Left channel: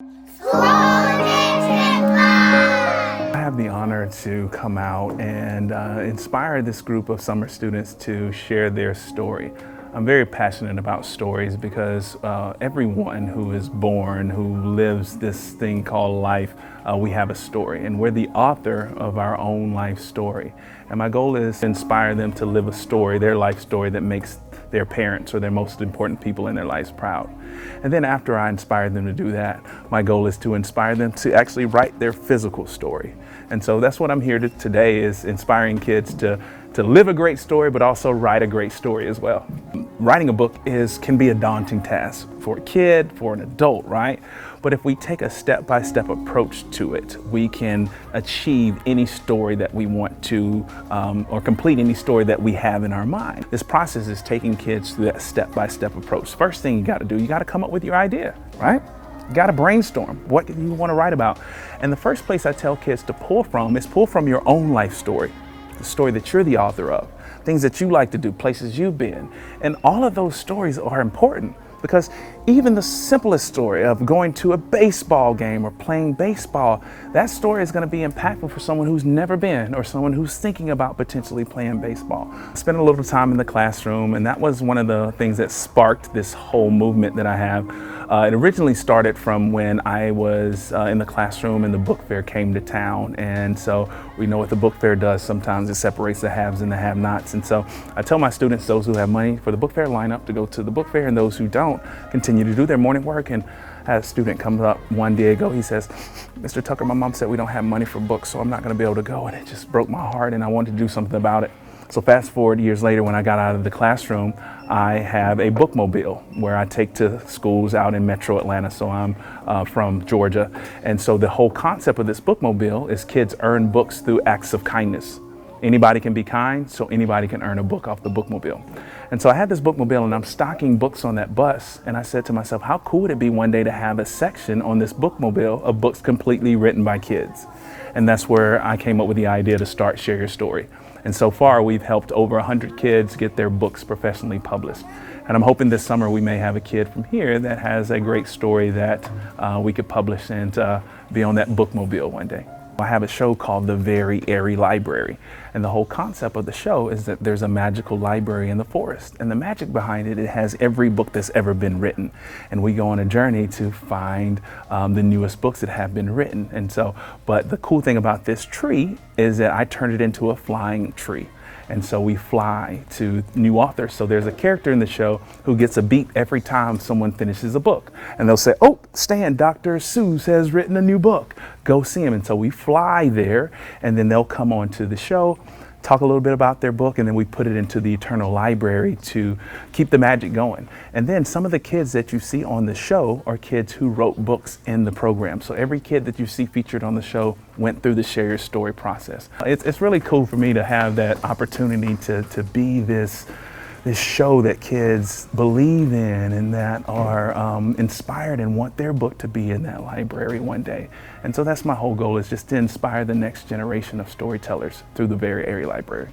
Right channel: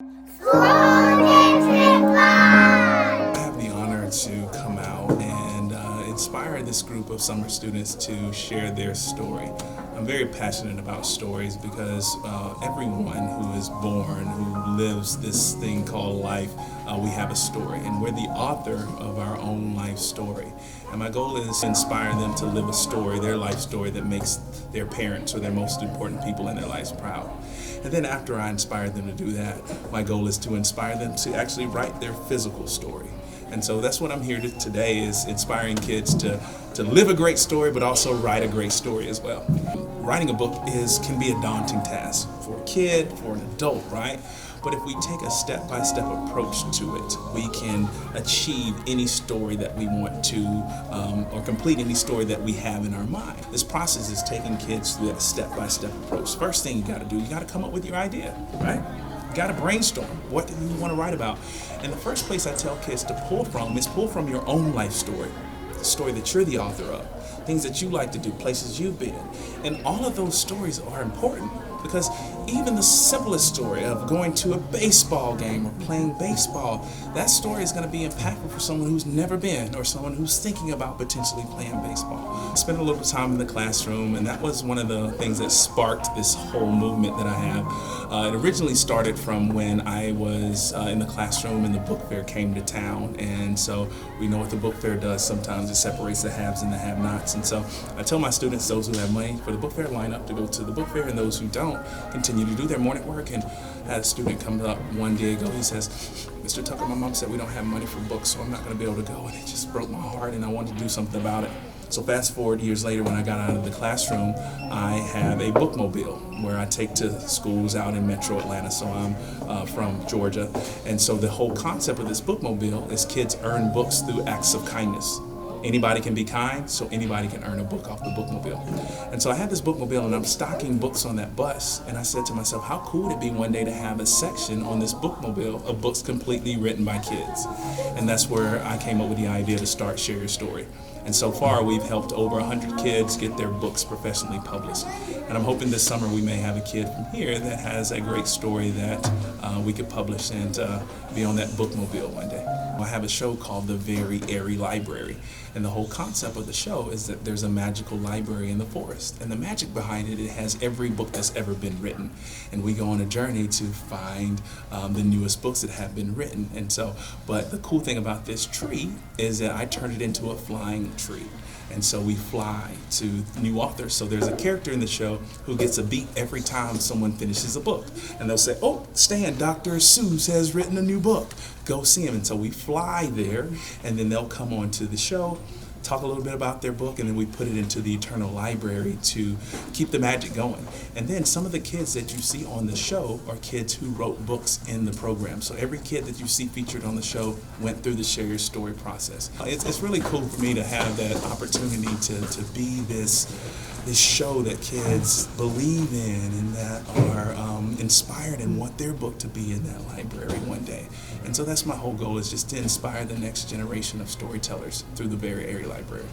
I have the honor to come out and inspire this group of summer students to share their story. I'm very passionate about stories because everyone who is born, who lives this thing called life, we have a story, and we're the author of our own life story. And my goal is to inspire them to live a story, their life story, that makes their parents or their most important people in their lives proud. And then after I inspire them to do that, my goal is to inspire them to actually write their physical story. And so that's what I'm here to today, is inspiring kids to live a great story, but also write a great story as well. Writing a book can be a daunting task for a kid, for an adult, right? But if we take a step-by-step approach to it, we can achieve any story that we want to, or complete any story that we have in our mind. This process is taking kids through that step-by-step approach. First thing you gotta do, you gotta come up with your idea, right? You gotta brainstorm. What do you wanna write about? And the first place I tell kids to pull from your own life story, the story that you're the author of, things that you like to do, places you've been. And all of those stories are important, because even the simplest story of going to a baseball game or playing baseball, that story is going to be impactful for someone who's never been, or someone who's thinking about potentially playing baseball. I spent a little time in the classroom, and that was one of the things that sparked this whole movement that I have. It originally started from when I was in the classroom and the book fair came to town. And so we know what the book fair does. Sometimes it separates the haves and the have-nots. And so I tell my students, those who have money for the book fair, line up to go to the book fair, and those who don't, continue to do their morning work. And I had a student come up one day ago. He says, "Mr. Tucker, my mom said we don't have money for books, so I'm not going to be able to go." And it just broke my heart, and I wanted to do something about it. So fast forward years later, when I got out of the classroom, I have a bookmobile where I take to schools out in Metro Atlanta. So I'm from Georgia. And so the whole concept of this bookmobile is kids earn books through acts of kindness. Anybody can be kind, so anybody can earn a book off the bookmobile. And so I had this bookmobile, and I'm stocking books on that bus. And I said to myself, how cool would it be one day to have a section on this bookmobile of books completely written by kids? And that's where I came up with the idea to start Share Your Story. And so far, we've helped over 100 kids get their books professionally published. And I'm hoping this summer we may have a kid from here that has a great story that we could publish and be on that bookmobile one day. I have a show called The Very Airy Library. And the whole concept of the show is that there's a magical library in the forest. And the magic behind it, it has every book that's ever been written. And we go on a journey to find the newest books that have been written. And so, but the cool thing about this tree is that I turned it into a flying tree. And so we fly to new authors. So there's a character in the show who gets a beat every time someone finishes a book. And they'll say, "Oh, Stan, Dr. Seuss has written a new book. Go see him." And so we fly there, and then they'll come on to the show, talk a little bit about their book, and then we put it into the Eternal Library to keep the magic going. And then some of the kids that you see on the show are kids who wrote books in the program. So every kid that you see featured on the show went through the Share Your Story process. It's really cool for me to have that opportunity to be this show that kids believe in and that are inspired and want their book to be in that library one day. And so that's my whole goal, is just to inspire the next generation of storytellers through the Very Airy Library.